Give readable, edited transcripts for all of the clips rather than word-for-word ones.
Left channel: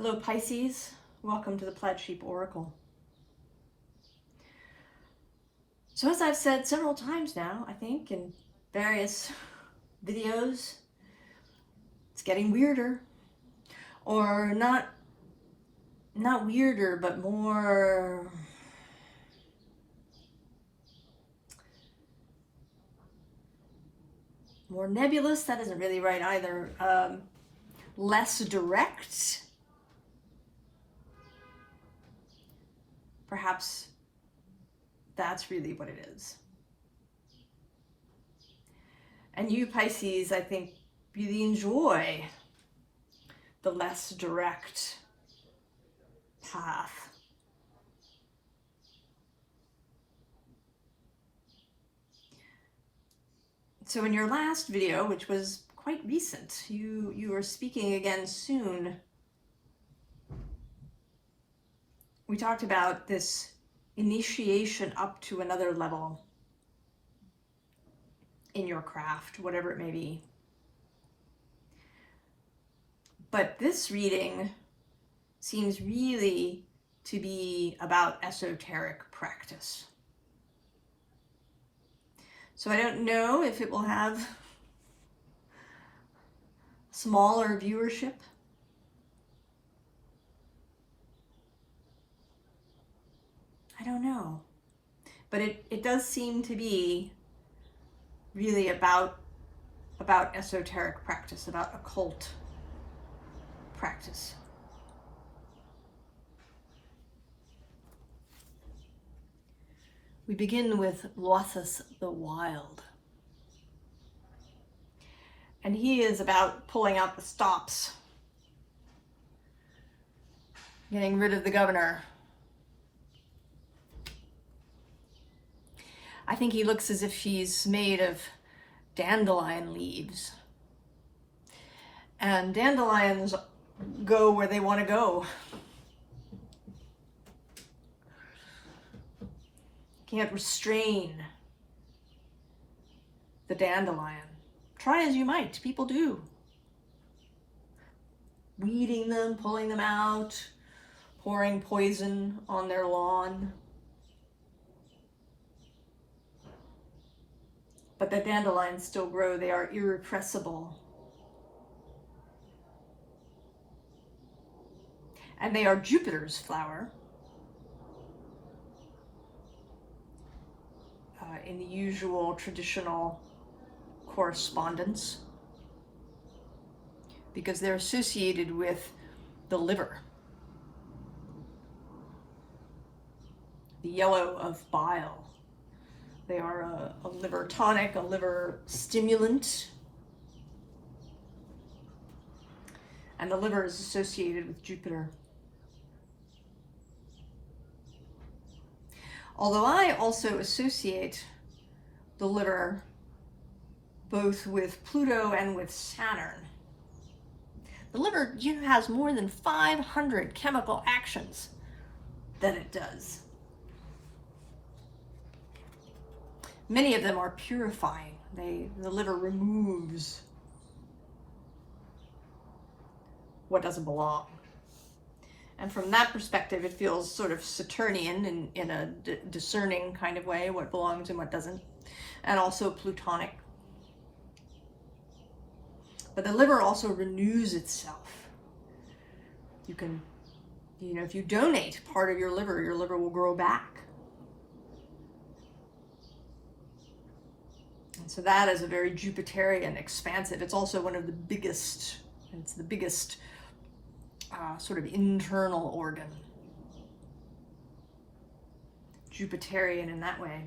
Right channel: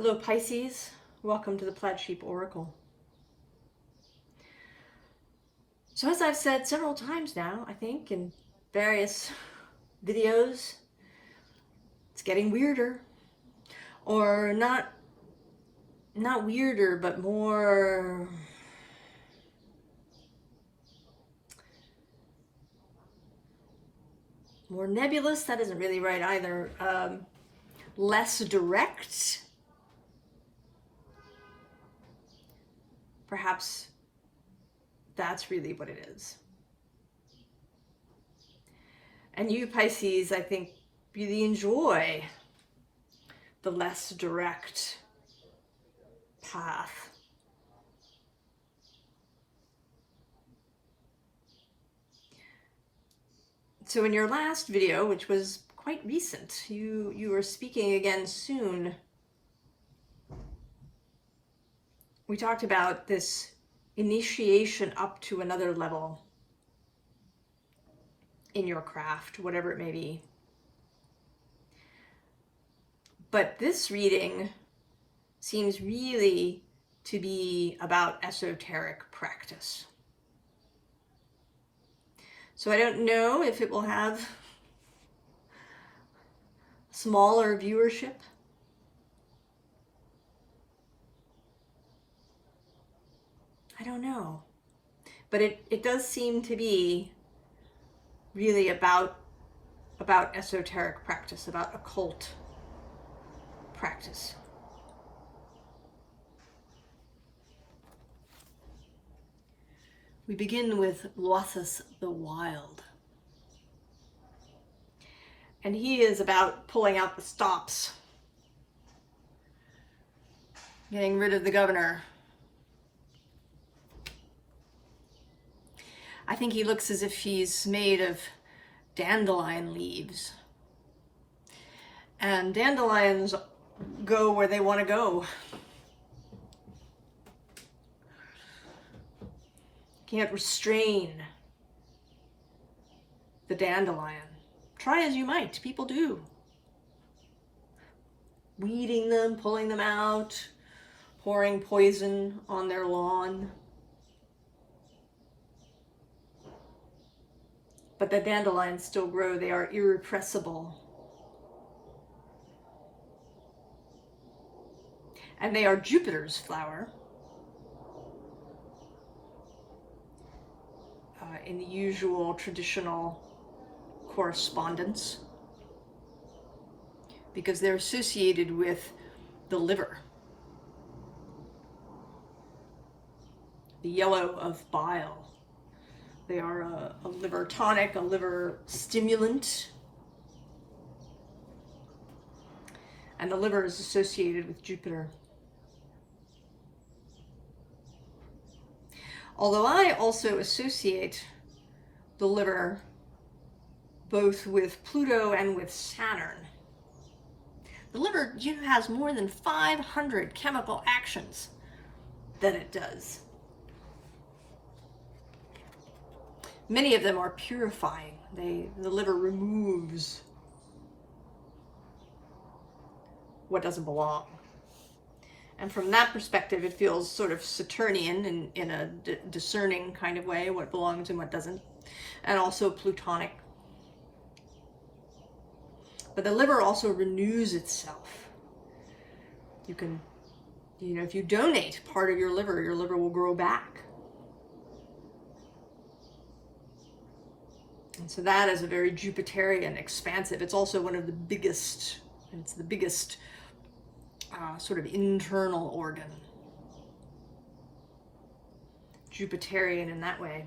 Hello Pisces, welcome to the Plaid Oracle. So as I've said several times now, I think in various videos, it's getting weirder. Or not weirder, but more nebulous. That isn't really right either. Less direct. Perhaps that's really what it is. And you Pisces, I think, really enjoy the less direct path. So in your last video, which was quite recent, you were speaking again soon. We talked about this initiation up to another level in your craft, whatever it may be. But this reading seems really to be about esoteric practice. So I don't know if it will have smaller viewership. I don't know. But it does seem to be really about esoteric practice, about occult practice. We begin with Waite the Wild. And he is about pulling out the stops, getting rid of the governor. I think he looks as if he's made of dandelion leaves. And dandelions go where they want to go. Can't restrain the dandelion. Try as you might, people do. Weeding them, pulling them out, pouring poison on their lawn. But the dandelions still grow, they are irrepressible. And they are Jupiter's flower. In the usual traditional correspondence, because they're associated with the liver. The yellow of bile. They are a liver tonic, a liver stimulant. And the liver is associated with Jupiter. Although I also associate the liver both with Pluto and with Saturn. The liver has more than 500 chemical actions that it does. Many of them are purifying. The liver removes what doesn't belong. And from that perspective, it feels sort of Saturnian in a discerning kind of way, what belongs and what doesn't, and also Plutonic. But the liver also renews itself. You can, if you donate part of your liver will grow back. And so that is a very Jupiterian, expansive. It's also one of the biggest, it's the biggest sort of internal organ. Jupiterian in that way.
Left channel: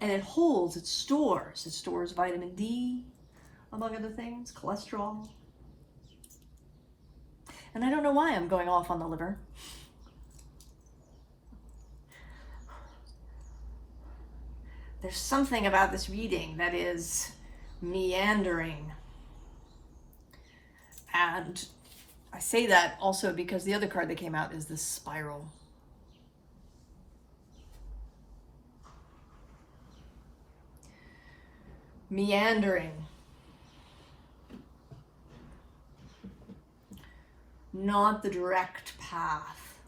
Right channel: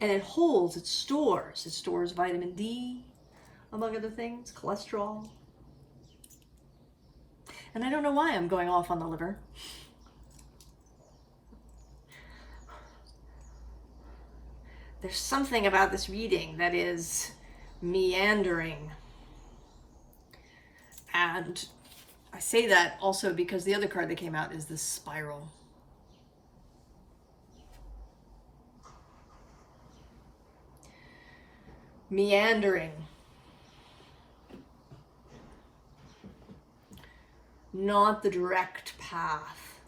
And it holds, it stores vitamin D, among other things, cholesterol. And I don't know why I'm going off on the liver. There's something about this reading that is meandering. And I say that also because the other card that came out is the spiral. meandering, not the direct path,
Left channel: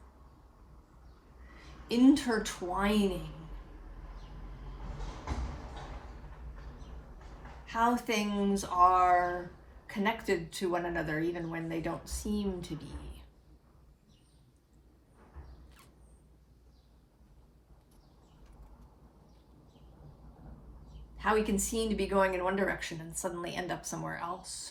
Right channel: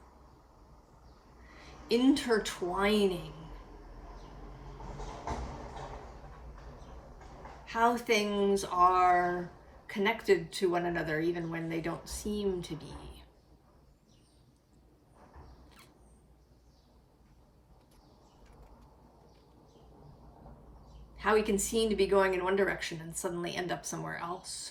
intertwining, how things are connected to one another even when they don't seem to be. How we can seem to be going in one direction and suddenly end up somewhere else.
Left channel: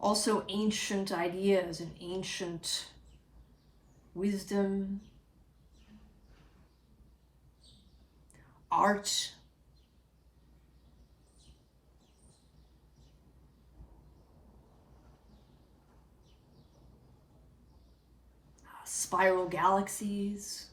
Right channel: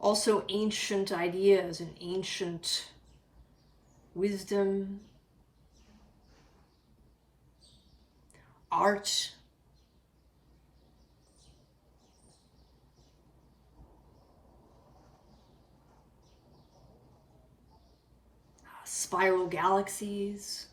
Also ancient ideas and ancient wisdom, art, spiral galaxies,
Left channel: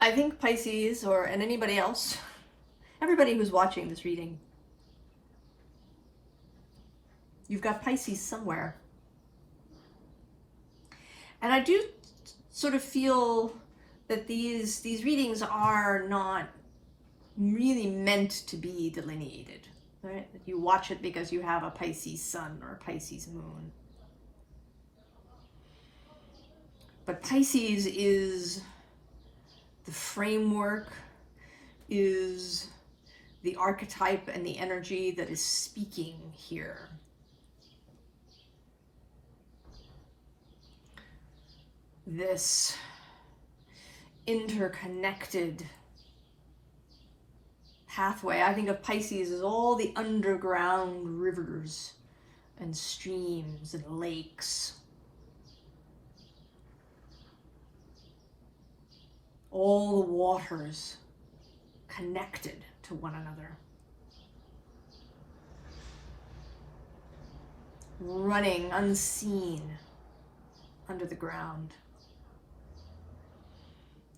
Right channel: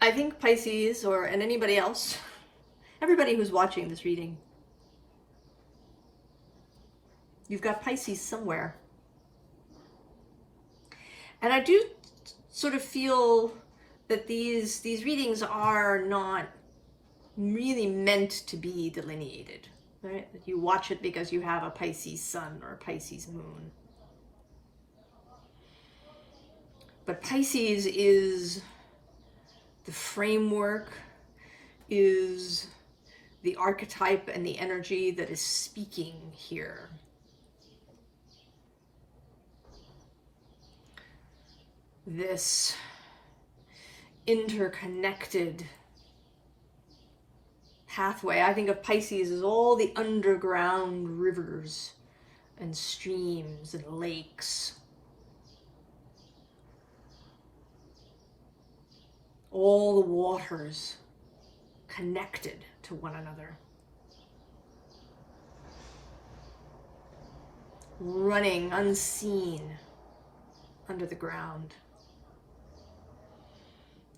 I think Pisces, and anybody else, everybody who's watching this reading, you've got Pisces somewhere. And I do sort of feel that these readings are not really meant to be delineated, right? That you watch it because you have a Pisces sun or a Pisces moon. But Pisces is the framework, is the archetype and the energy that is speaking here. This interconnected pathway. I think of Pisces as all the underground rivers and streams and lakes. All the waters connected to one another. Running unseen under the ground.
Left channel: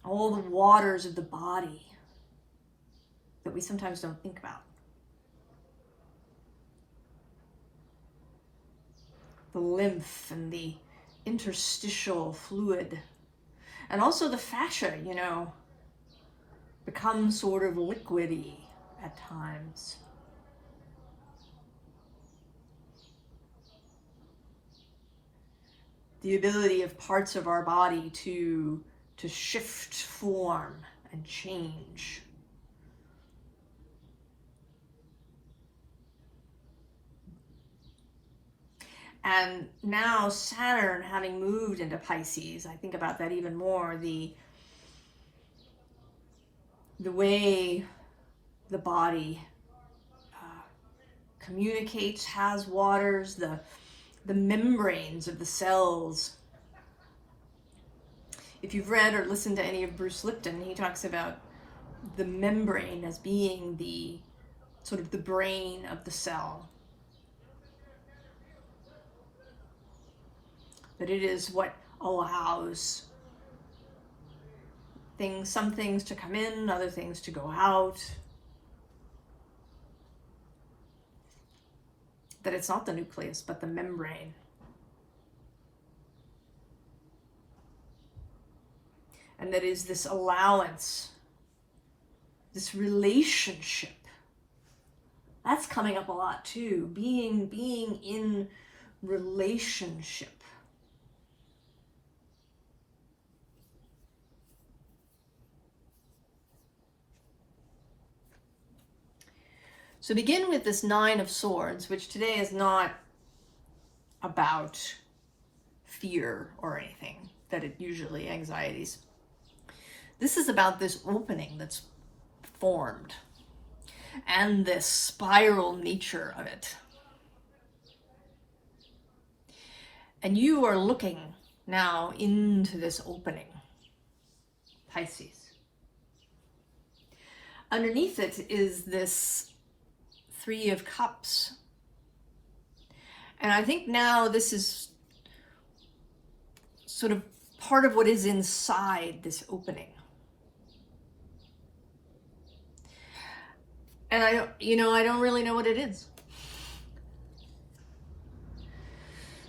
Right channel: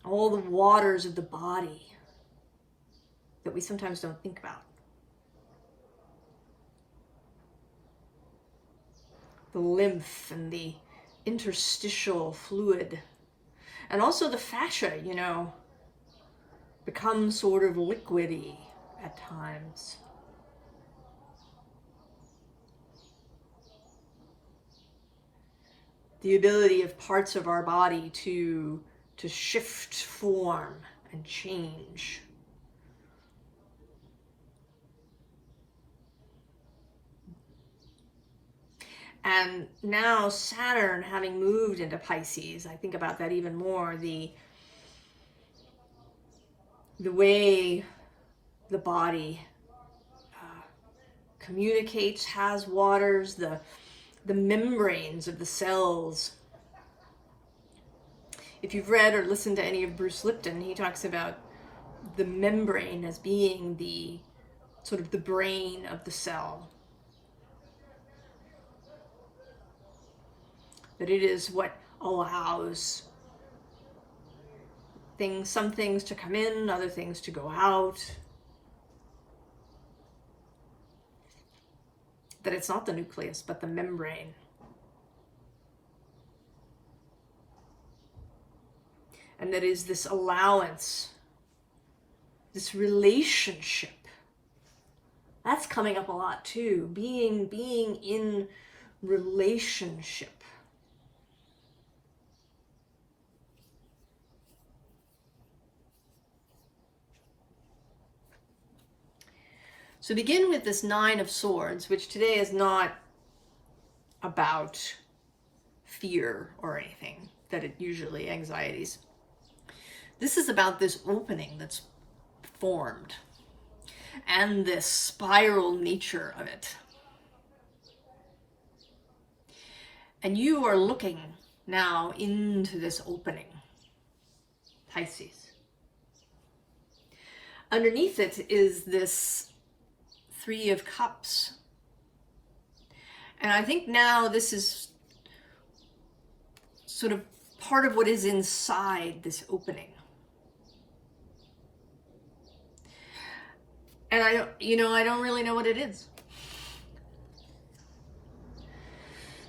All the waters of the body that we sometimes don't think about. The lymph and the interstitial fluid. And also the fascia, you know, becomes sort of liquidy at times. The ability of parts of our body to shift form and change. And now Saturn having moved into Pisces, I think about that even more, the way the body communicates, has waters, the membranes of the cells. If you've read or listened to any of Bruce Lipton, he talks about the membrane as being the sort of the brain of the cell. That it is what allows some things to come in, other things to go out. That it's not the nucleus, but the membrane. And that is this allowance, this relationship. That's coming up a lot too. Being in relationship. So begin with this Nine of Swords, which today is not about fear or anything, that it usually anxieties. This is about this opening that's formed and this spiral nature of it. And you are looking now into this opening, Pisces. Underneath it is this Three of Cups. And I think now this is sort of part of what is inside this opening. And I don't really know what it is.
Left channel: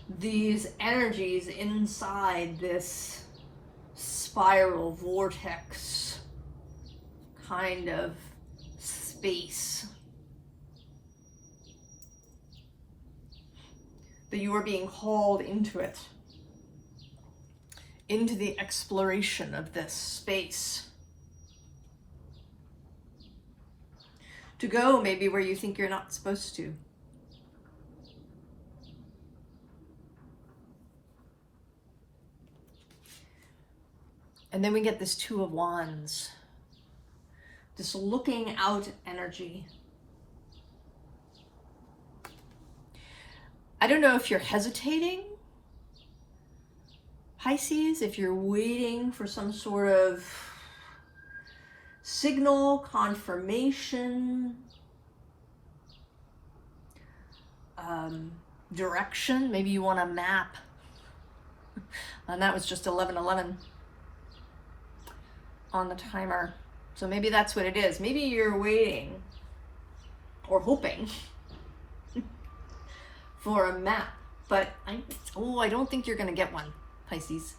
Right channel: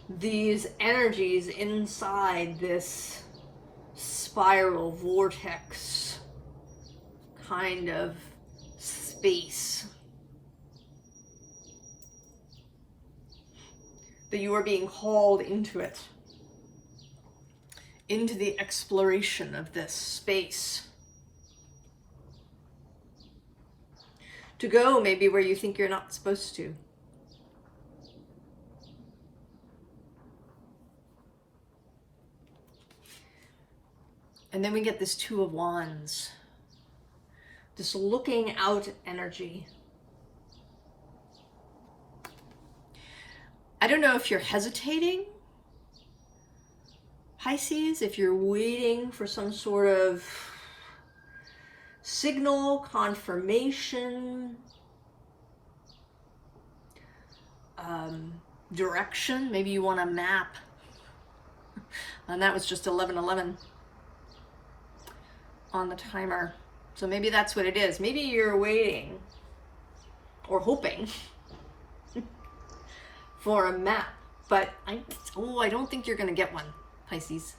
These energies inside this spiral vortex kind of space that you are being hauled into it, into the exploration of this space. To go maybe where you think you're not supposed to. And then we get this Two of Wands, this looking out energy. I don't know if you're hesitating, Pisces, if you're waiting for some sort of signal, confirmation, direction. Maybe you want a map. And that was just 11:11 on the timer. So maybe that's what it is. Maybe you're waiting or hoping for a map. But I don't think you're going to get one, Pisces.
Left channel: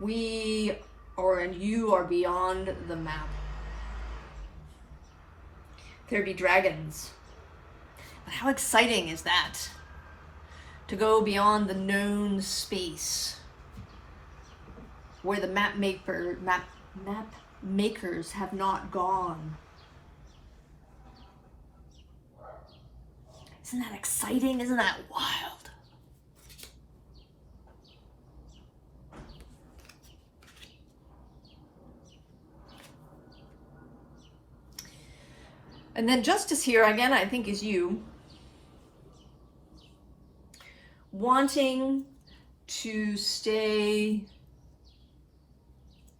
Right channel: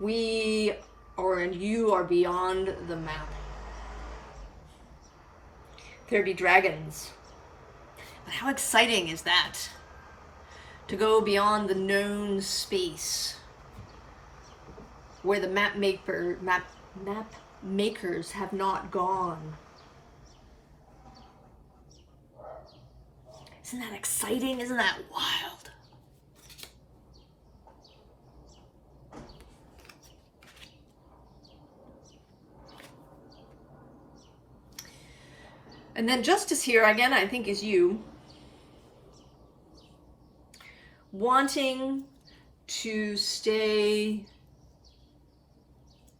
You are beyond the map. There be dragons. But how exciting is that? To go beyond the known space where the map makers have not gone. Isn't that exciting? Isn't that wild? And then Justice here, again, I think is you wanting to stay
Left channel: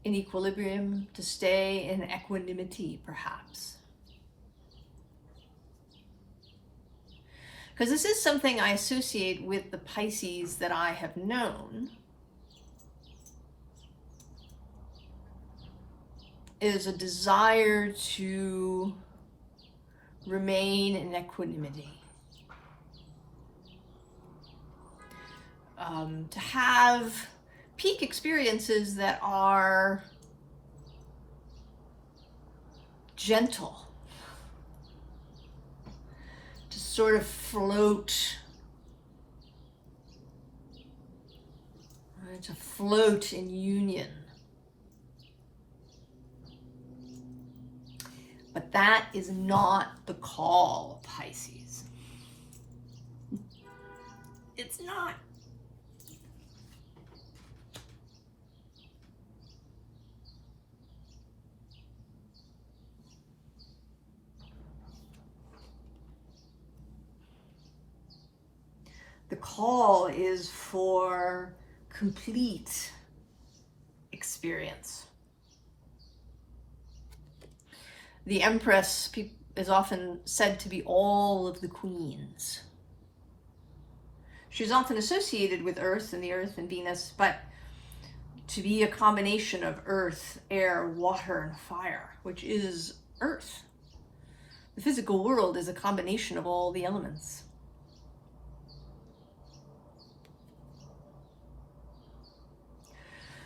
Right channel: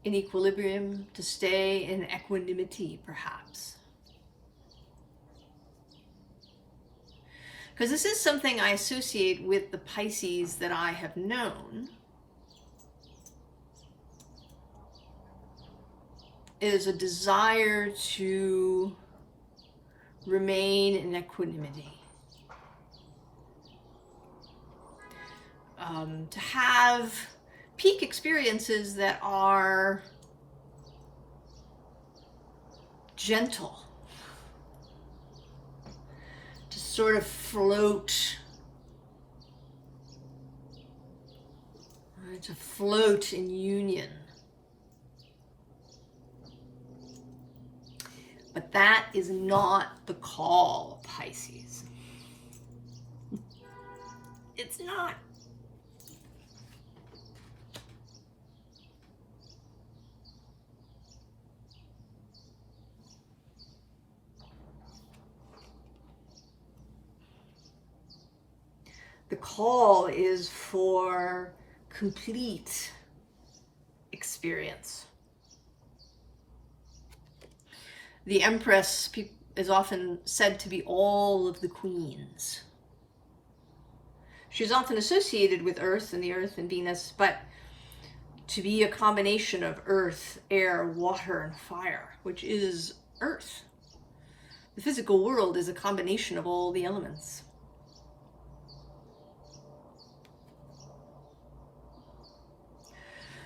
in equilibrium, to stay in equanimity, perhaps. Because this is something I associate with the Pisces that I have known, is a desire to remain in equanimity. To have peak experiences that are gentle, to sort of float, to float in union. But that is not the call, Pisces. It's not. The call is for complete experience. The Empress is often said to be all of the queens. She's often associated with Earth and the Earth and Venus, but to be a combination of earth, air, water, and fire, which is Earth. The physical world is a combination of all the elements.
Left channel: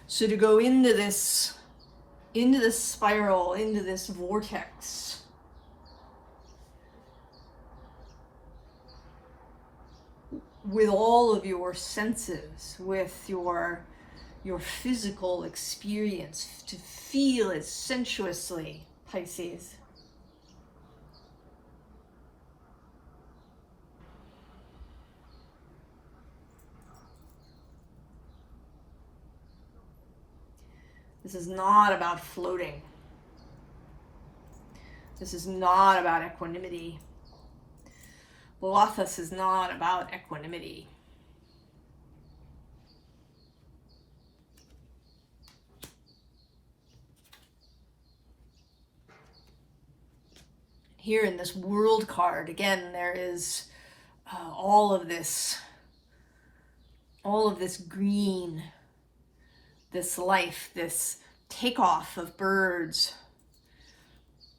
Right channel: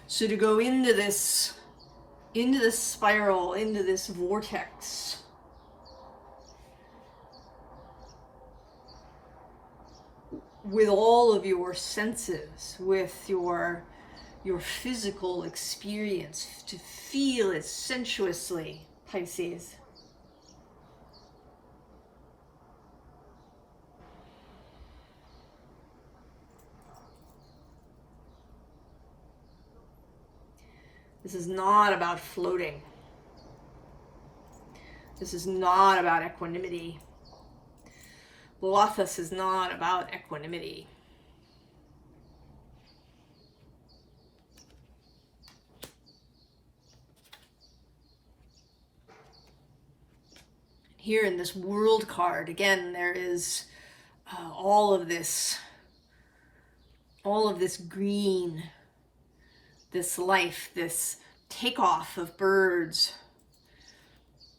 So to go into this spiral, into this vortex, with all of your senses, with your physical experience, to feel it sensuously, Pisces. This is not about floating. This is not about equanimity. Lothos is not about equanimity. Here in this world card, again, there is all of this green, this life, this takeoff of birds,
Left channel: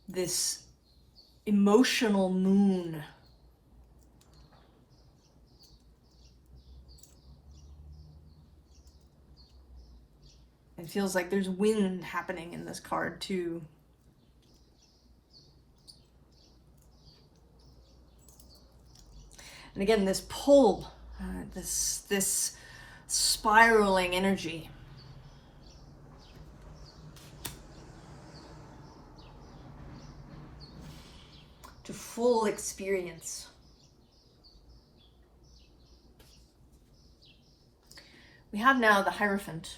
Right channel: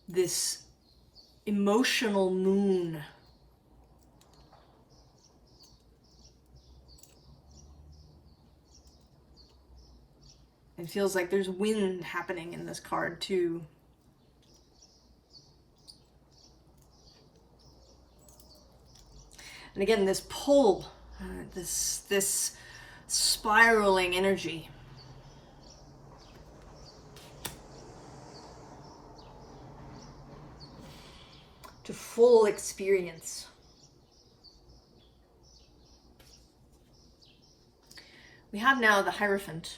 this emotional moon. It feels like there's wind happening in this card too. And again, this pull, this spiraling energy. To full experience. We have now the Hierophant.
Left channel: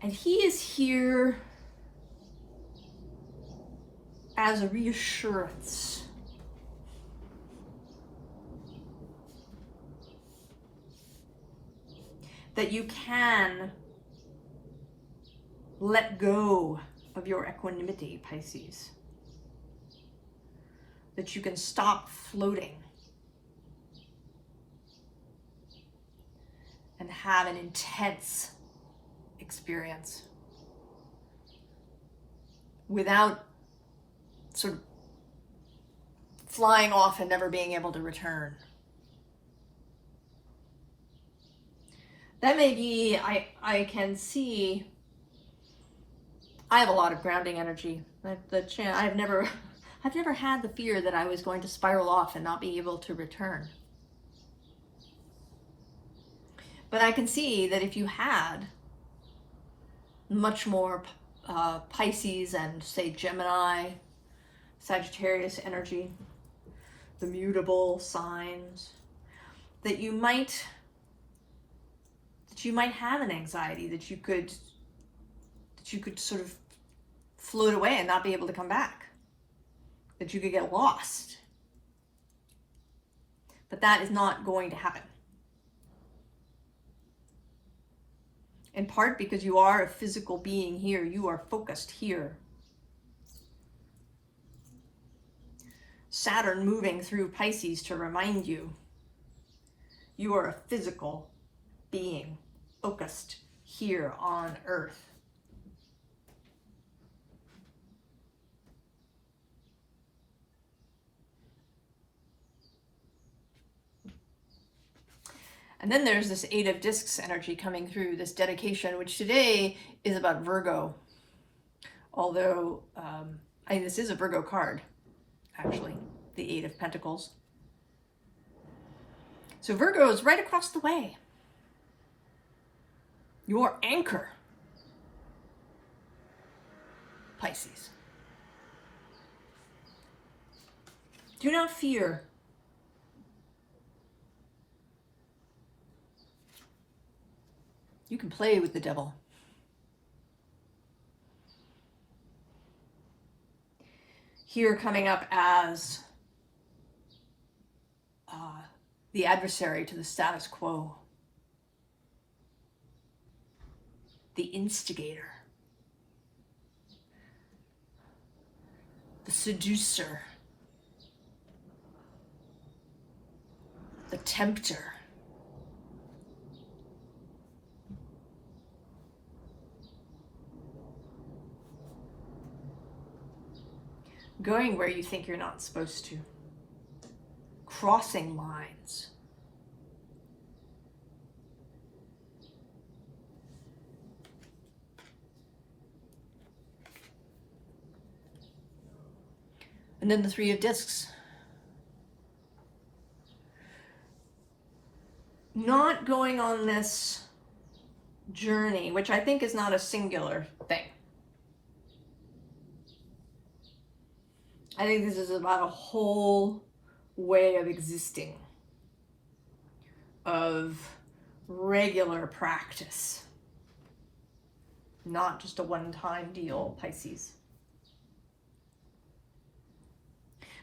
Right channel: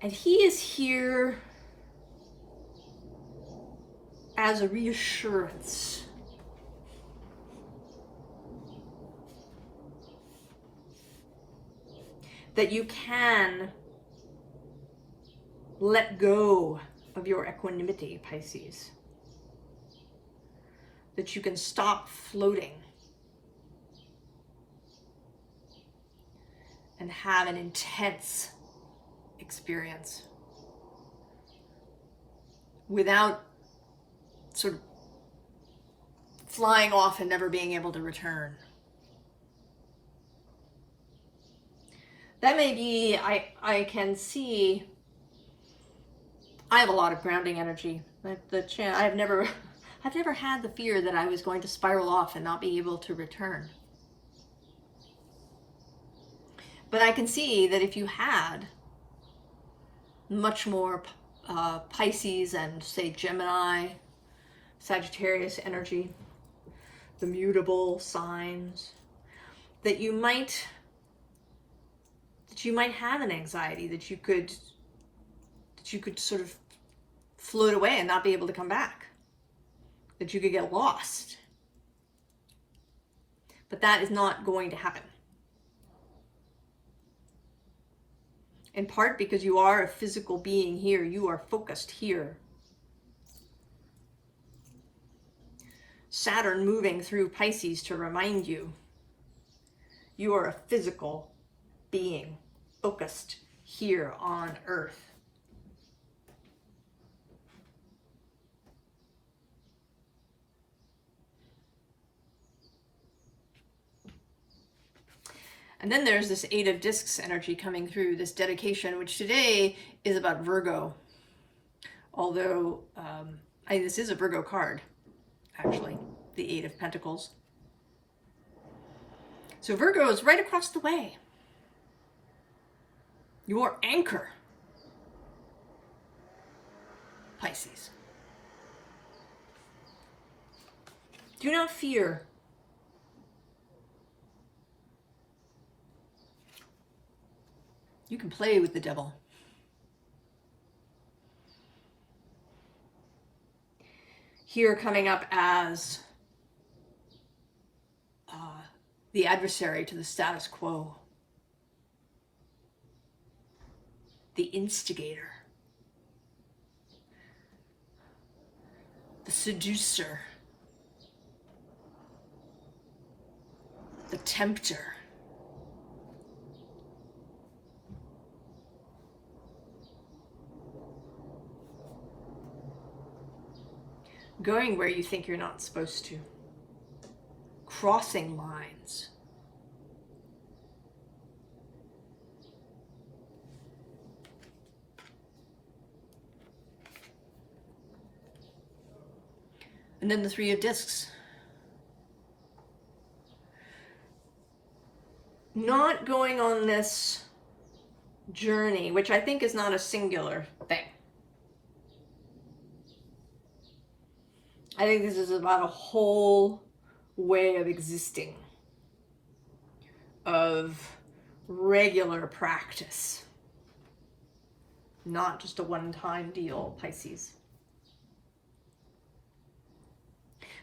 And he is here as a reassurance. That you can let go of your equanimity, Pisces. That you can stop floating and have an intense experience without sort of flying off and never being able to return. That may be, I can see, I have a lot of grounding energy. I've never had the fear that I was going to spiral off and not be able to return. But I can see that if you had much more Pisces and, say, Gemini, Sagittarius energy, the mutable signs, that you might have an anxiety that you could sort of float away and not be able to come back, that you could get lost. But that is not going to happen. In part because you are a physical being here, you are focused here. Saturn moving through Pisces to remind you, you are a physical being focused here on Earth. And then there's this Eight of Discs energy coming through, this dedication, which today is about Virgo. Although, this is a Virgo card, actually, the Eight of Pentacles. So Virgo is right across the way. Your anchor, Pisces. Do not fear. You can play with the devil. Here coming up as the adversary to the status quo. The instigator. The seducer. The tempter. Going where you think you're not supposed to. Crossing lines. And then the Three of Discs. Not going on this journey, which I think is not a singular thing. I think this is about a whole way of existing, of regular practice, not just a one-time deal, Pisces.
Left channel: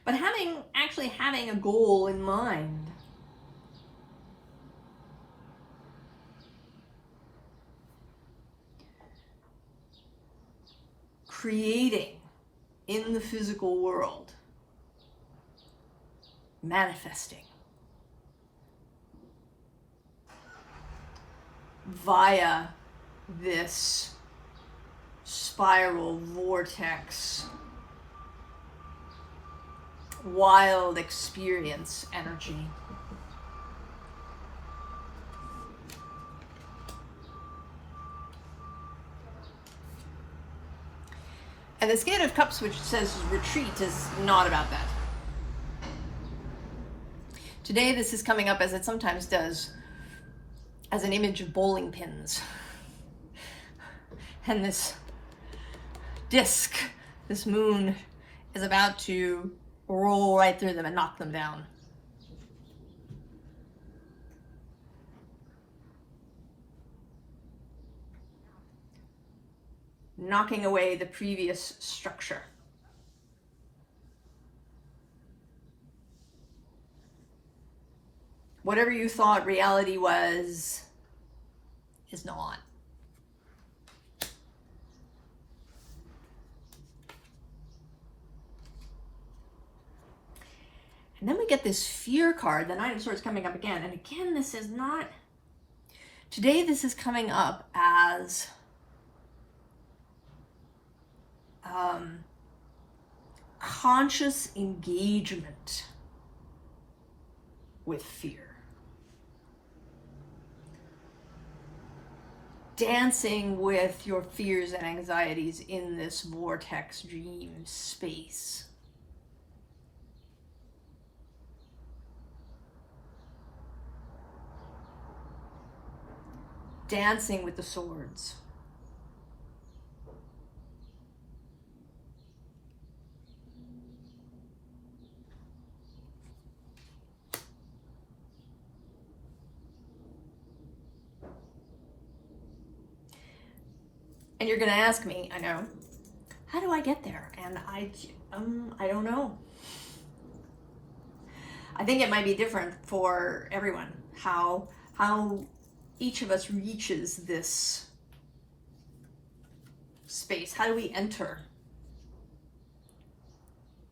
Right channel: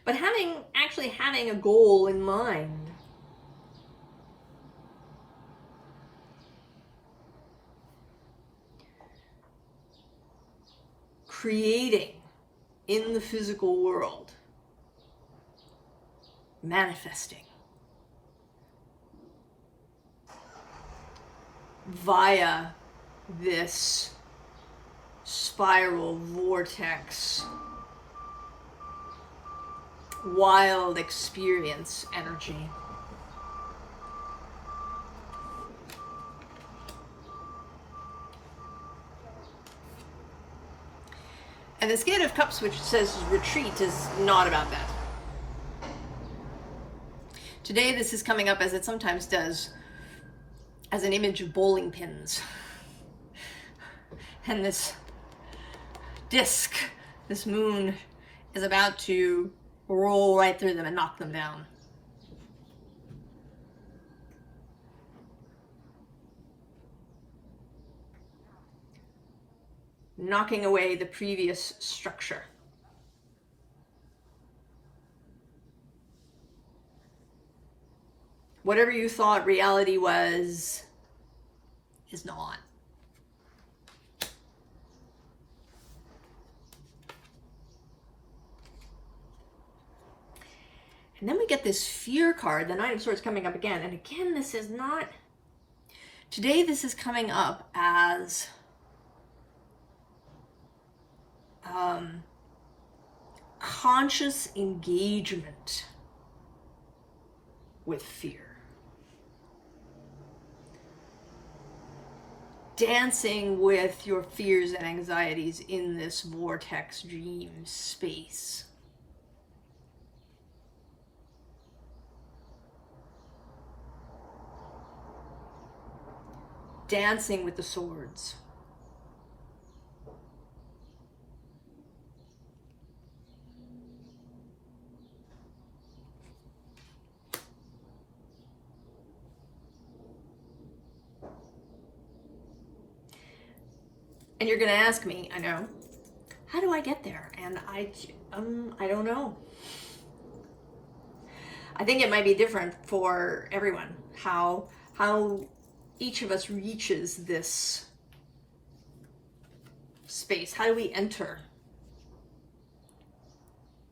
But actually having a goal in mind. Creating in the physical world, manifesting via this spiral, vortex, wild experience energy. And this Eight of Cups, which says retreat, is not about that. Today this is coming up, as it sometimes does, as an image of bowling pins. And this disc, this moon, is about to roll right through them and knock them down. Knocking away the previous structure. Whatever you thought reality was, is not. And then we get this fear card, the Nine of Swords, coming up again. And again, this is not, today this is coming up as conscious engagement with fear. Dancing with your fears and anxieties in this vortex dream space. Dancing with the swords. And you're going to ask me, I know, how do I get there? And I don't know. I think it might be different for everyone, how each of us reaches this space. How do we enter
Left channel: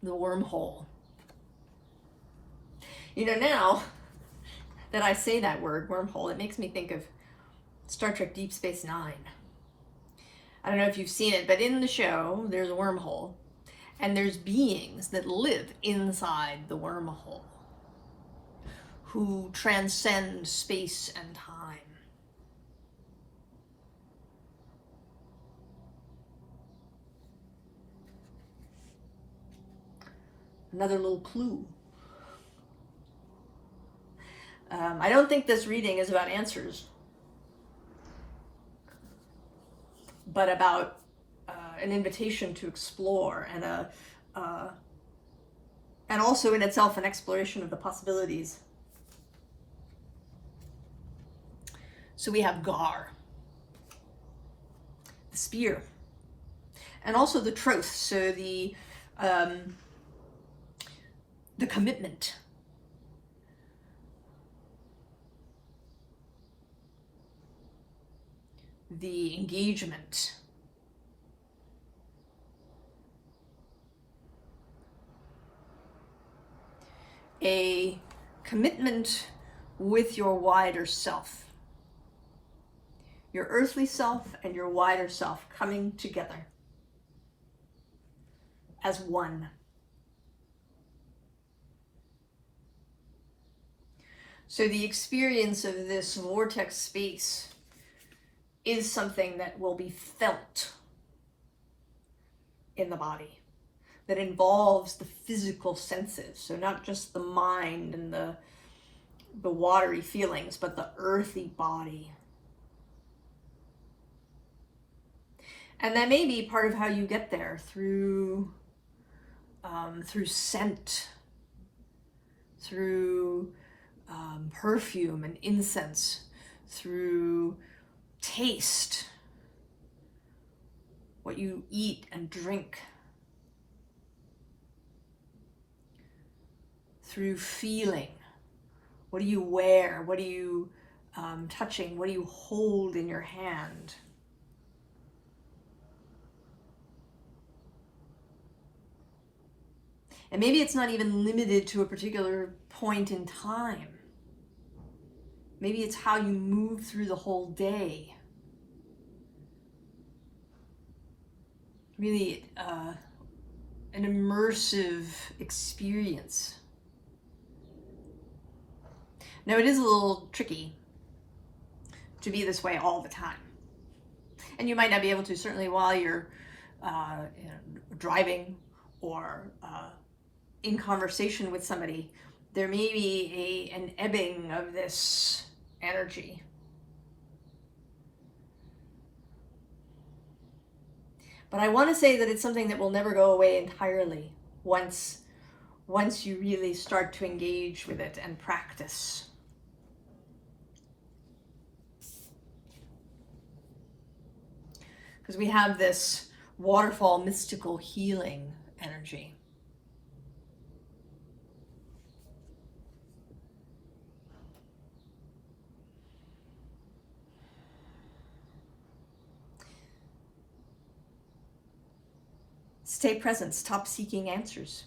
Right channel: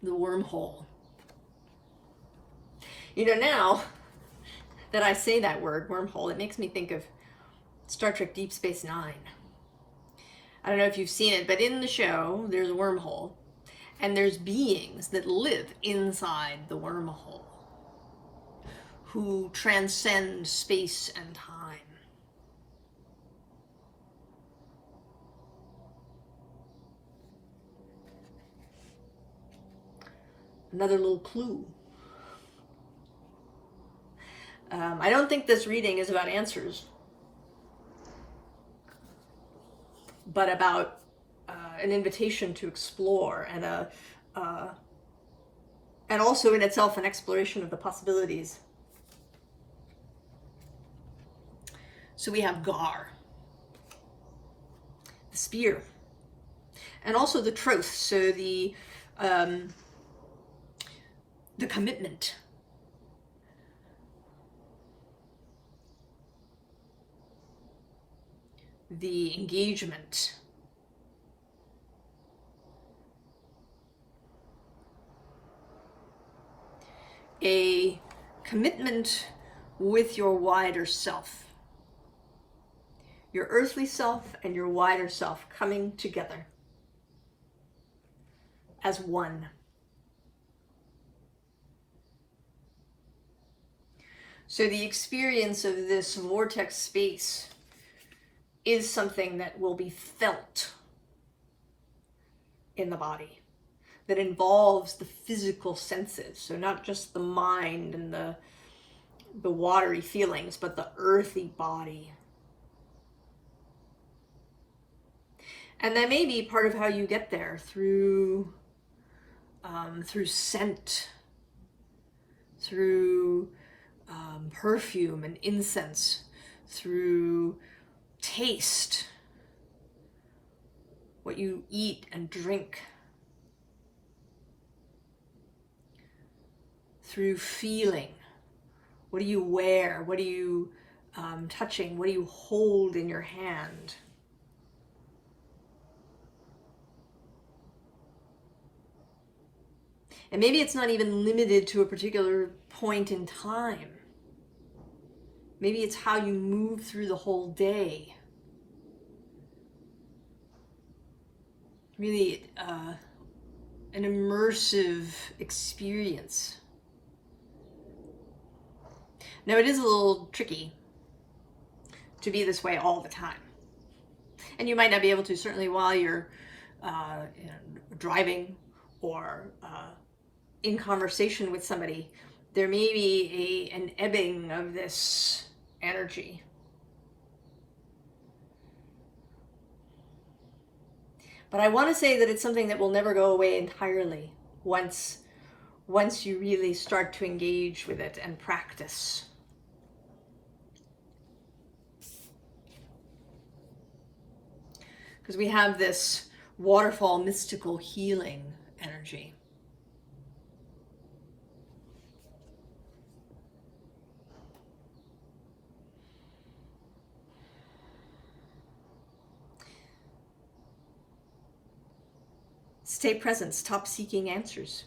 the wormhole? You know, now that I say that word, wormhole, it makes me think of Star Trek Deep Space Nine. I don't know if you've seen it, but in the show, there's a wormhole, and there's beings that live inside the wormhole who transcend space and time. Another little clue. I don't think this reading is about answers, but about an invitation to explore, and also in itself an exploration of the possibilities. So we have Gar, the spear, and also the troth. So the commitment. The engagement. A commitment with your wider self. Your earthly self and your wider self coming together as one. So the experience of this vortex space is something that will be felt in the body, that involves the physical senses. So not just the mind and the watery feelings, but the earthy body. And that may be part of how you get there, through scent, through perfume and incense, through taste, what you eat and drink, through feeling, what do you wear, what are you touching, what do you hold in your hand. And maybe it's not even limited to a particular point in time. Maybe it's how you move through the whole day. really an immersive experience. Now, it is a little tricky to be this way all the time. And you might not be able to, certainly while you're driving or in conversation with somebody. There may be an ebbing of this energy. But I want to say that it's something that will never go away entirely once you really start to engage with it and practice. Because we have this waterfall mystical healing energy. Stay present, stop seeking answers.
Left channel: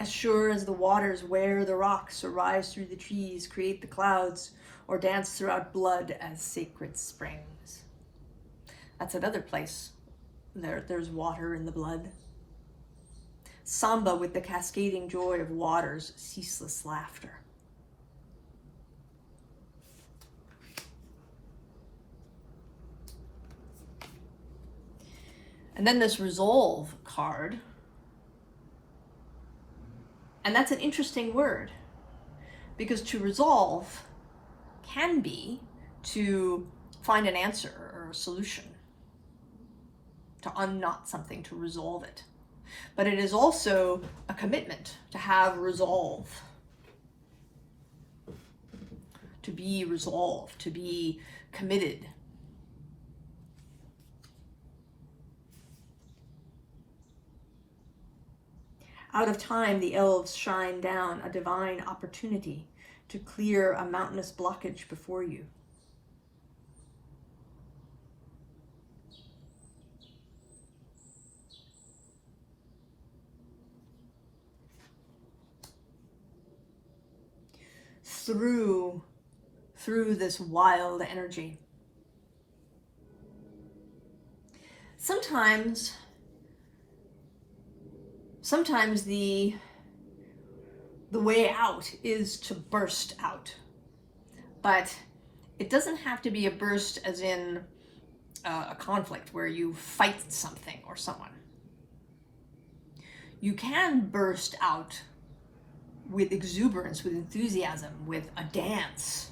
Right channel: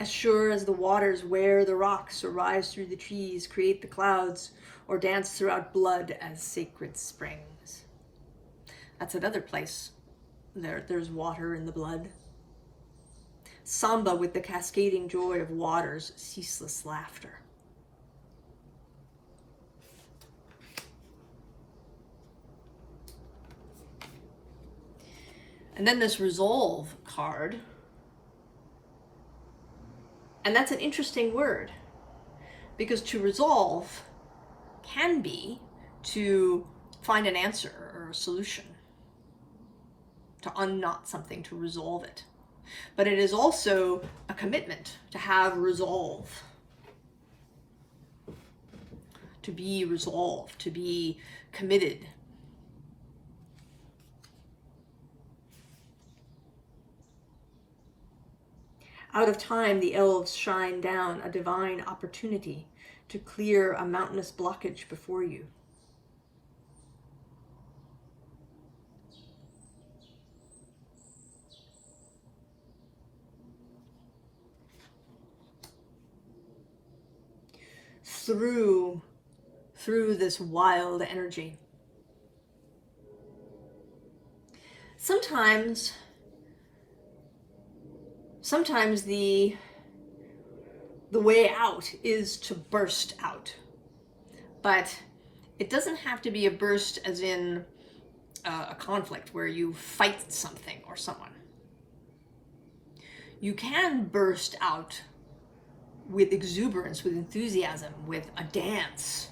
As sure as the waters wear the rocks, or rise through the trees, create the clouds, or dance throughout blood as sacred springs. That's another place. There's water in the blood. Samba with the cascading joy of water's ceaseless laughter. And then this resolve card. And that's an interesting word, because to resolve can be to find an answer or a solution, to unknot something, to resolve it. But it is also a commitment to have resolve, to be resolved, to be committed. Out of time, the elves shine down a divine opportunity to clear a mountainous blockage before you. Through this wild energy. Sometimes the way out is to burst out, but it doesn't have to be a burst as in a conflict where you fight something or someone. You can burst out with exuberance, with enthusiasm, with a dance.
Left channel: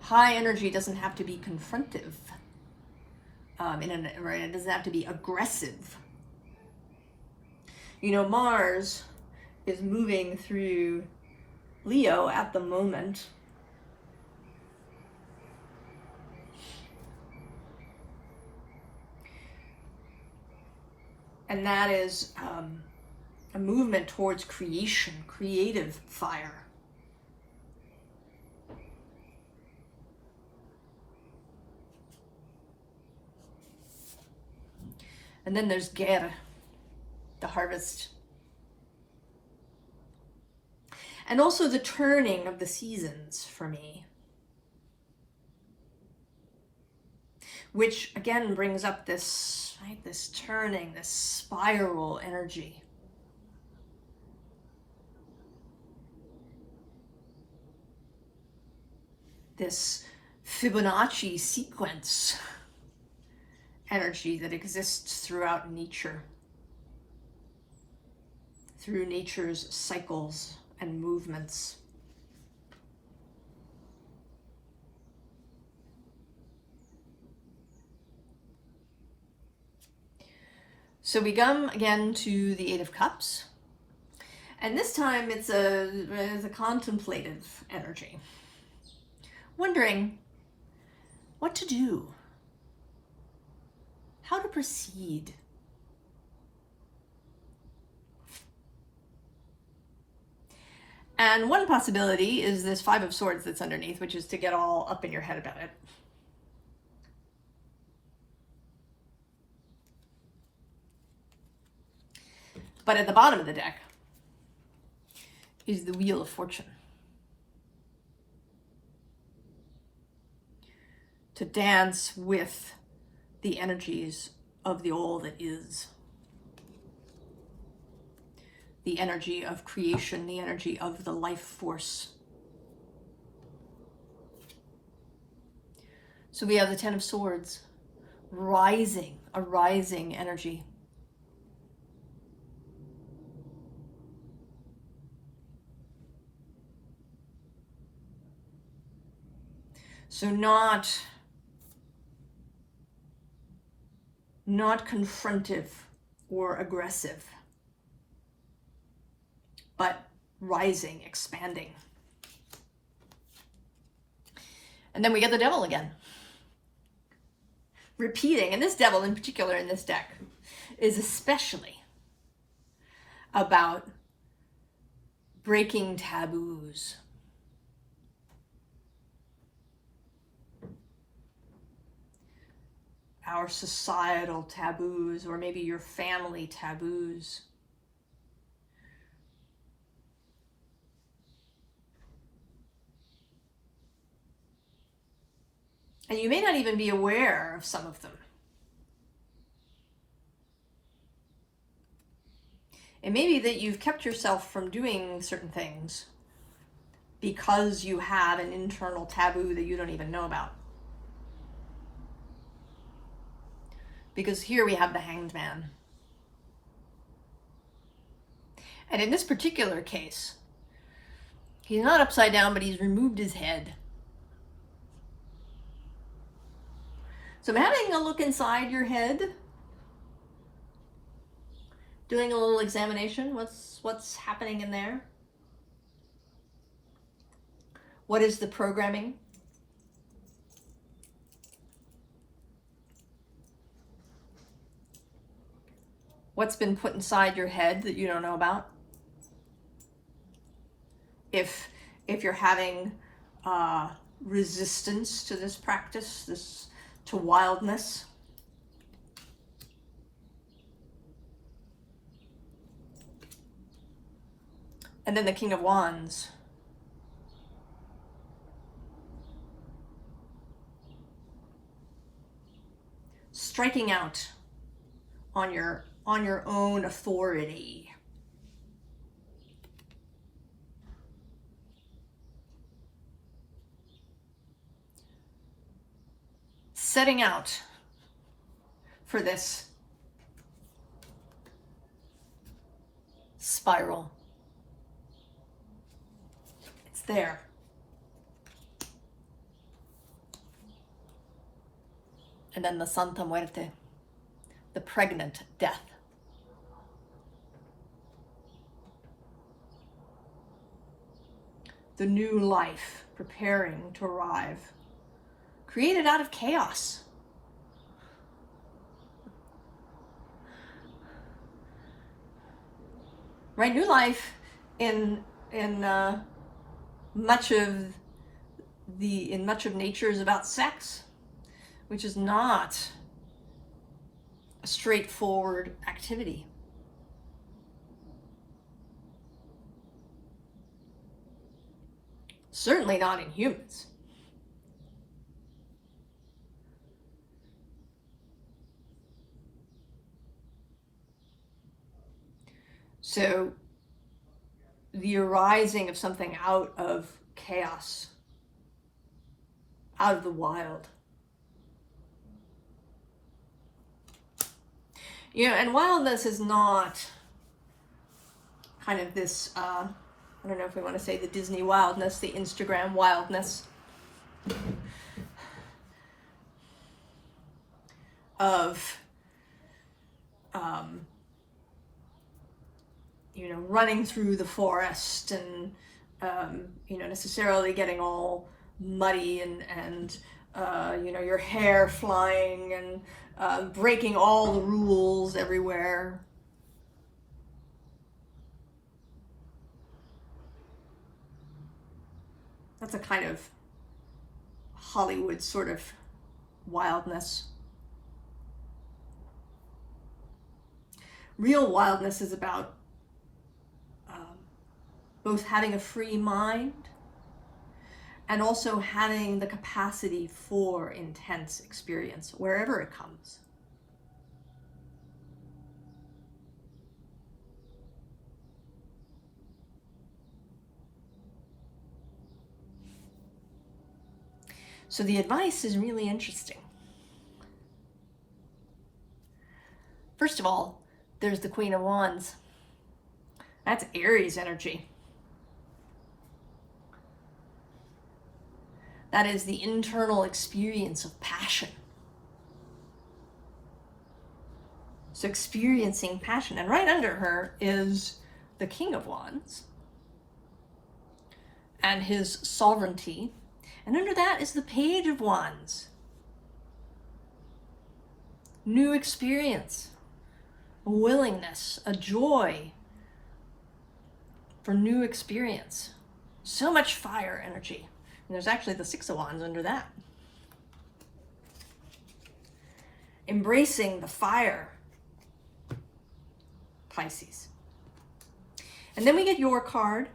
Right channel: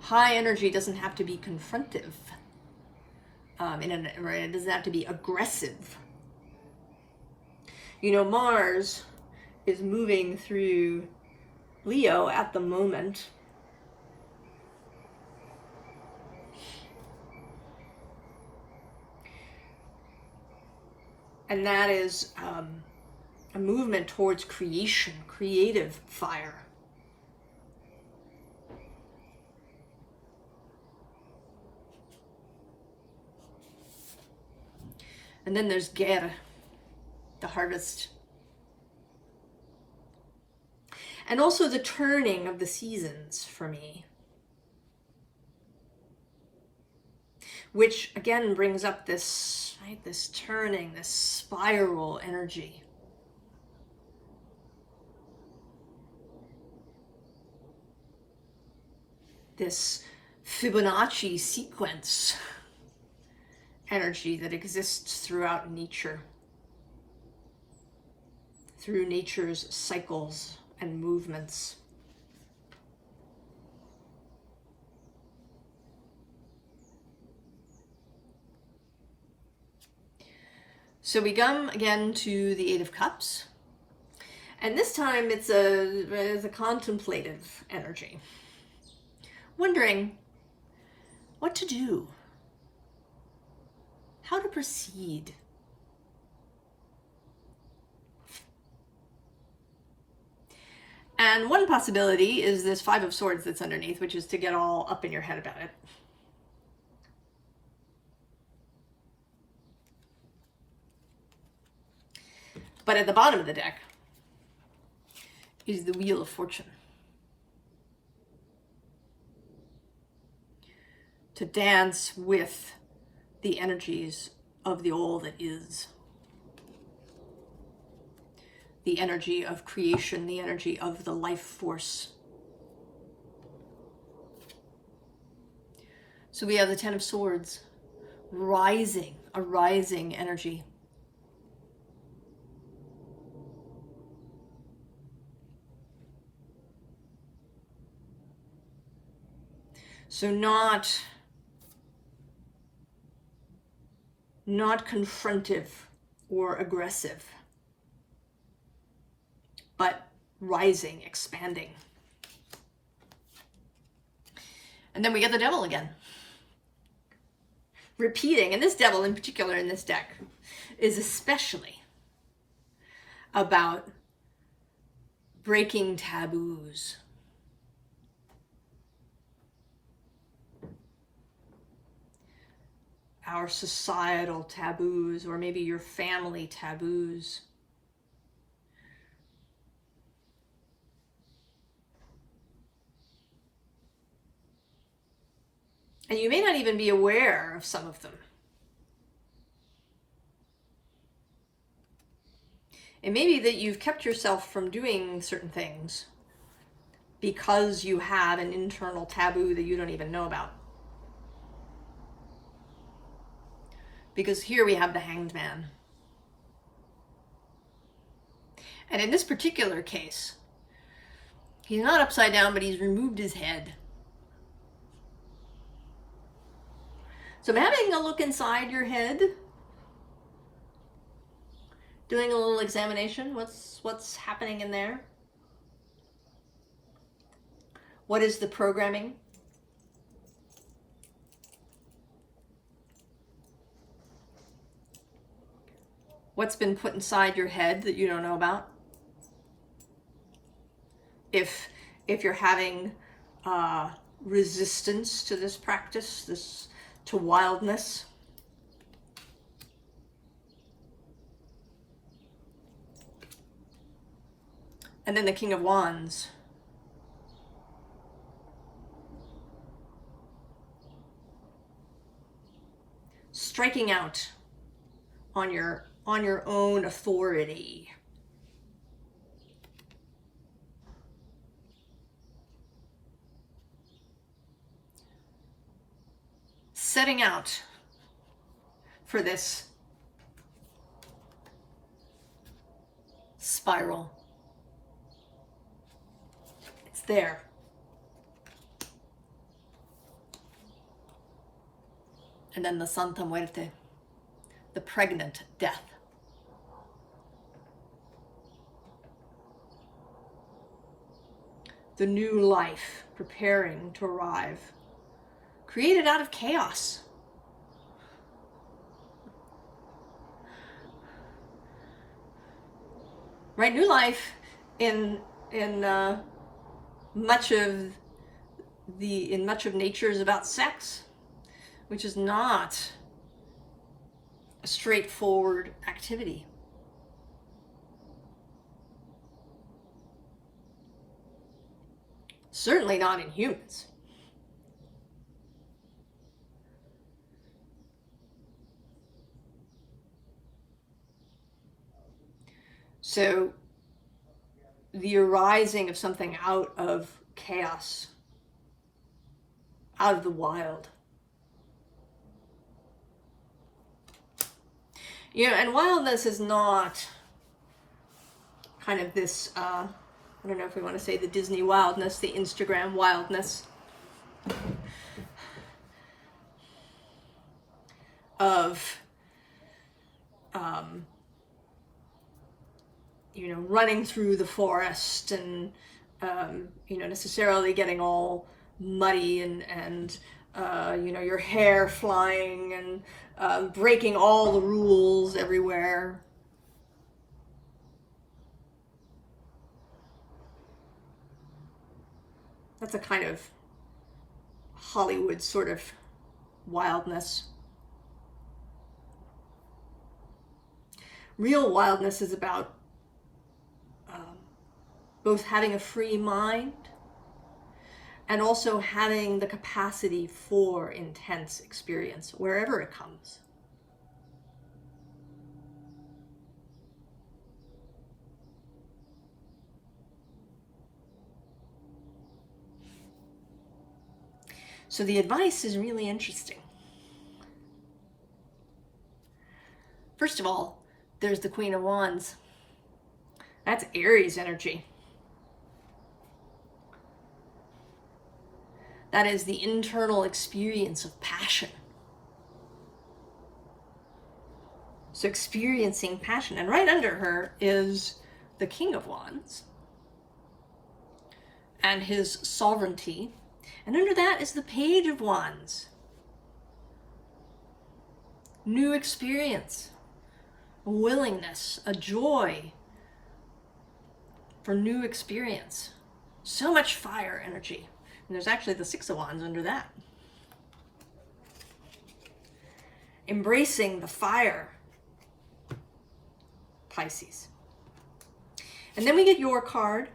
High energy doesn't have to be confrontive. It doesn't have to be aggressive. You know, Mars is moving through Leo at the moment. And that is a movement towards creation, creative fire. And then there's Ger, the harvest. And also the turning of the seasons for me. Which again brings up this, right, this turning, this spiral energy. This Fibonacci sequence energy that exists throughout nature, through nature's cycles and movements. So we come again to the Eight of Cups, and this time it's a contemplative energy, wondering what to do, how to proceed. And one possibility is this Five of Swords that's underneath, which is to get all up in your head about it. But at the bottom of the deck is the Wheel of Fortune. to dance with the energies of the all that is. The energy of creation, the energy of the life force. So we have the Ten of Swords, rising, a rising energy. So not confrontive or aggressive, but rising, expanding. And then we get the Devil again. Repeating, and this Devil in particular in this deck is especially about breaking taboos. Our societal taboos, or maybe your family taboos. And you may not even be aware of some of them. It may be that you've kept yourself from doing certain things because you have an internal taboo that you don't even know about. Because here we have the Hanged Man. And in this particular case, he's not upside down, but he's removed his head. So I'm having a look inside your head, doing a little examination. What's happening in there? What is the programming? What's been put inside your head that you don't know about? If you're having resistance to this practice, to wildness. And then the King of Wands. Striking out on your own authority. Setting out for this spiral. It's there. And then the Santa Muerte, the pregnant death. The new life preparing to arrive. Created out of chaos. Right, new life in much of nature is about sex, which is not a straightforward activity. Certainly not in humans. So the arising of something out of chaos, out of the wild. You know, and wildness is not kind of this, I don't know if we want to say the Disney wildness, the Instagram wildness of, you know, running through the forest and, you know, necessarily getting all muddy and you know, your hair flying and breaking all the rules everywhere. That's a kind of Hollywood sort of wildness. Real wildness is about both having a free mind and also having the capacity for intense experience wherever it comes. So the advice is really interesting. First of all, there's the Queen of Wands. That's Aries energy. That is the internal experience of passion. So experiencing passion. And right under her is the King of Wands and his sovereignty. And under that is the Page of Wands. New experience, a willingness, a joy for new experience. So much fire energy. And there's actually the Six of Wands under that. Embracing the fire, Pisces. And then we get your card,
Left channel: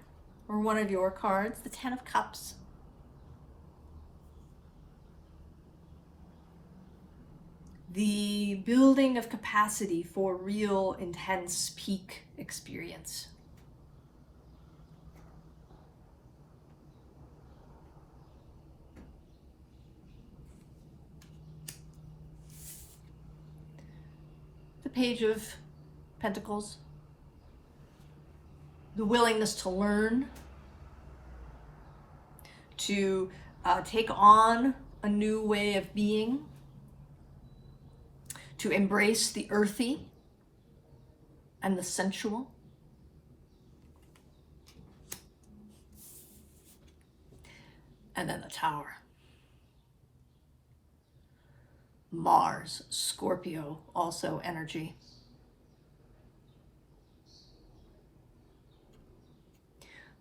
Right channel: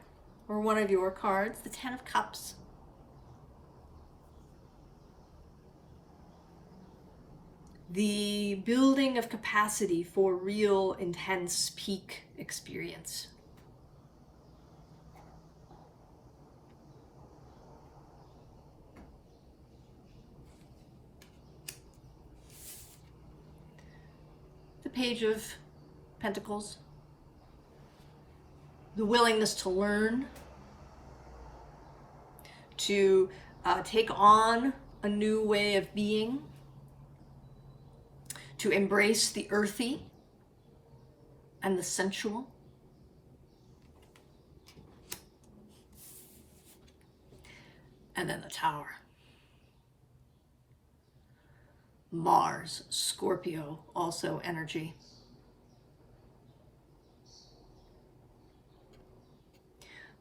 or one of your cards, the Ten of Cups. The building of capacity for real, intense, peak experience. The Page of Pentacles. The willingness to learn, to take on a new way of being, to embrace the earthy and the sensual. And then the Tower. Mars, Scorpio, also energy.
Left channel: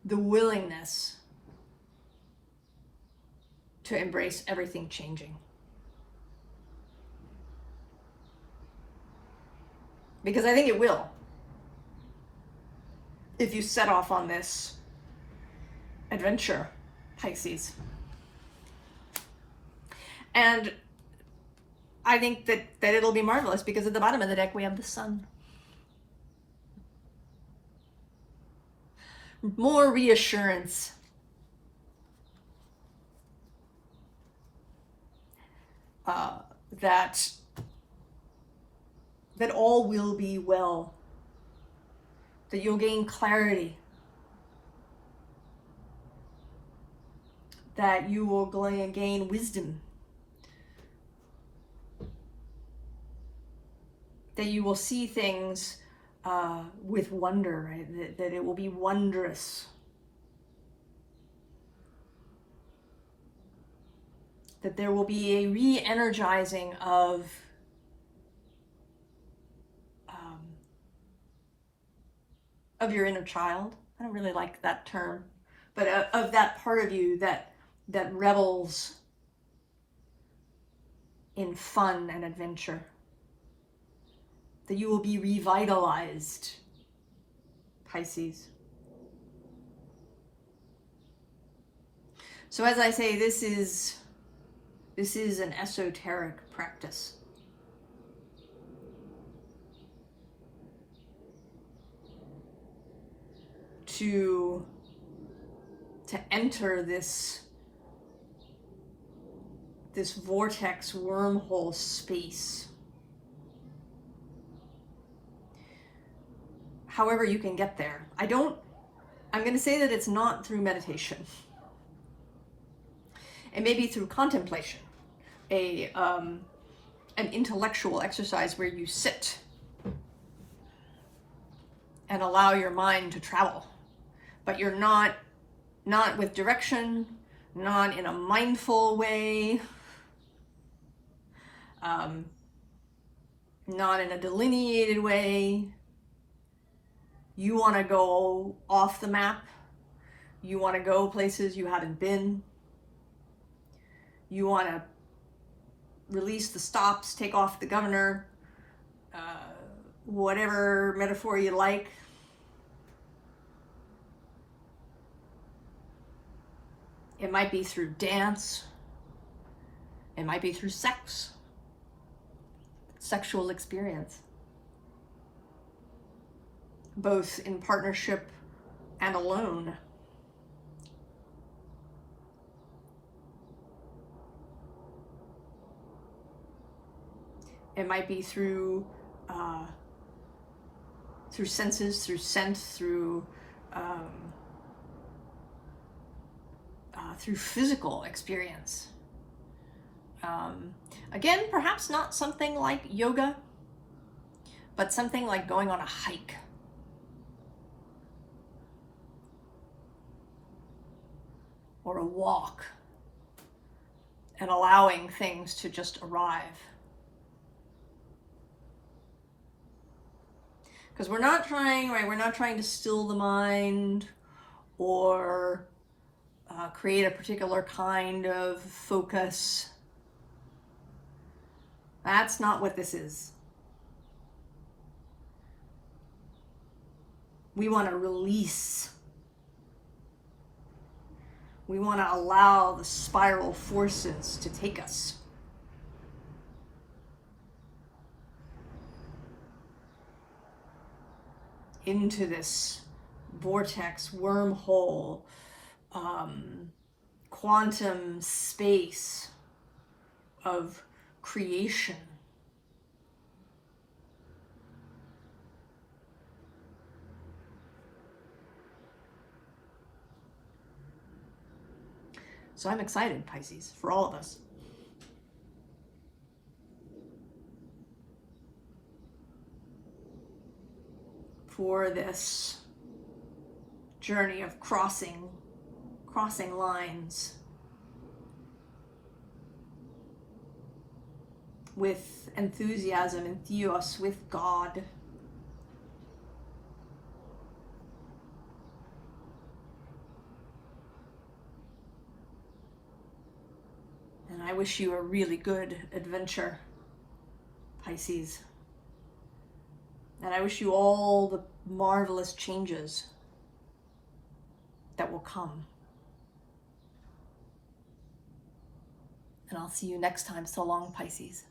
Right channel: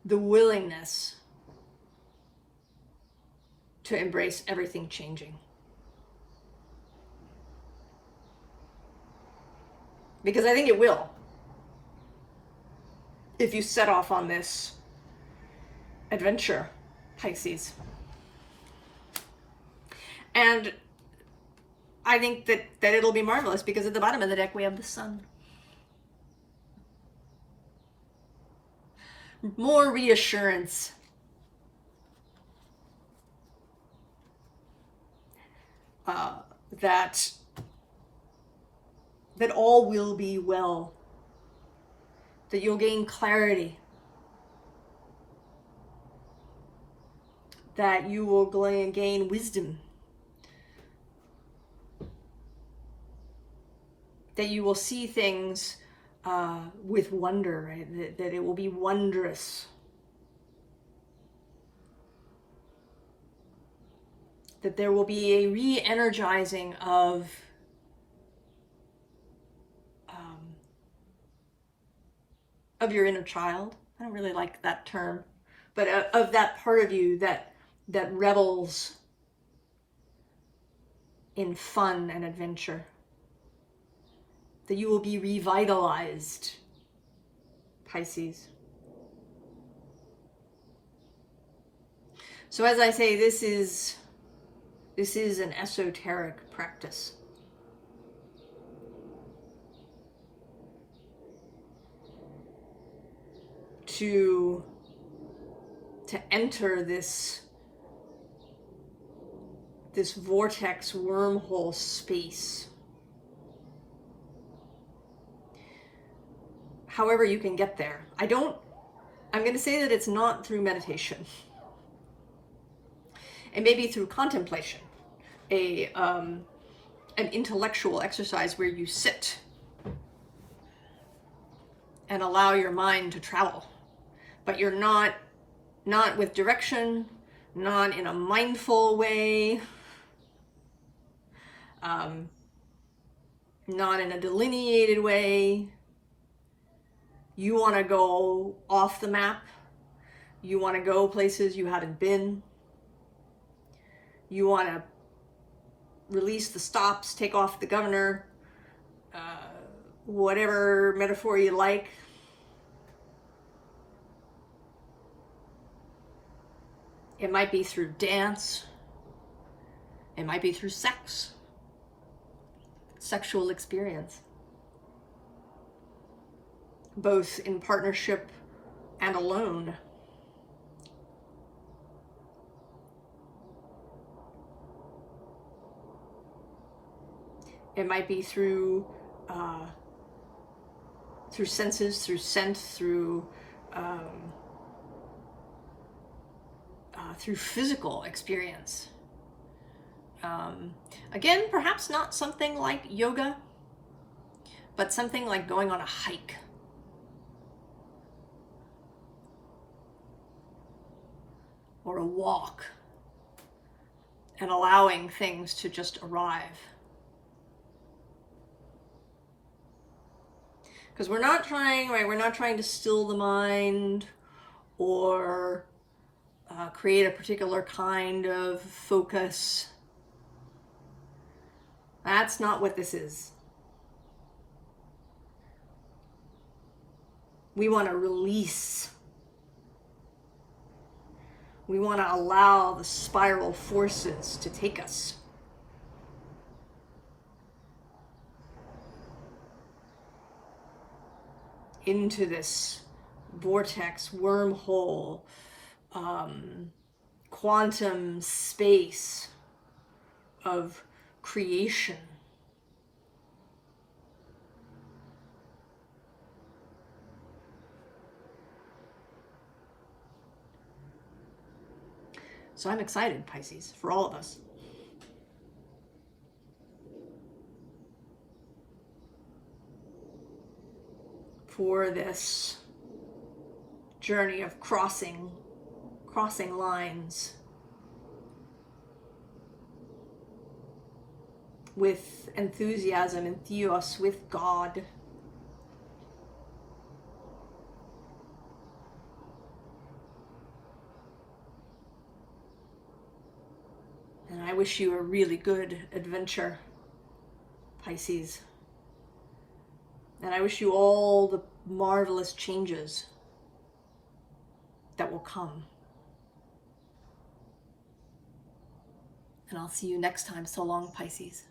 The willingness to embrace everything changing. Because I think it will. If you set off on this adventure, Pisces. And I think that it'll be marvelous because at the bottom of the deck we have the Sun. More reassurance. That all will be well. That you'll gain clarity. That you will gain wisdom. That you will see things with wonder, right? That it will be wondrous. That there will be a re-energizing of your inner child. I don't really like that term, but of that part of you that revels in fun and adventure. That you will be revitalized, Pisces. So as I say, this is an esoteric practice. To enter this vortex wormhole space. However you can get there. I'm going to say that it's not through meditation. It may be through contemplation, an intellectual exercise where you sit and allow your mind to travel. But you're not with direction, not in a mindful way, not in a delineated way. You want to go off the map. You want to go places you haven't been. You want to release the stops, take off the governor, whatever metaphor you like. It might be through dance. It might be through sex, sexual experience, both in partnership and alone. It might be through senses, through scent, through physical experience. Again, perhaps not something like yoga, but something like going on a hike. Or a walk, and allowing things to just arrive. Because we're not trying, right? We're not trying to still the mind or create a particular kind of focus. That's not what this is. We want to release. We want to allow the spiral forces to take us. Into this vortex, wormhole, quantum space of creation. So I'm excited, Pisces, for all of us. For this journey of crossing lines with enthusiasm and theos, with God. And I wish you a really good adventure, Pisces. And I wish you all the marvelous changes that will come. And I'll see you next time. So long, Pisces.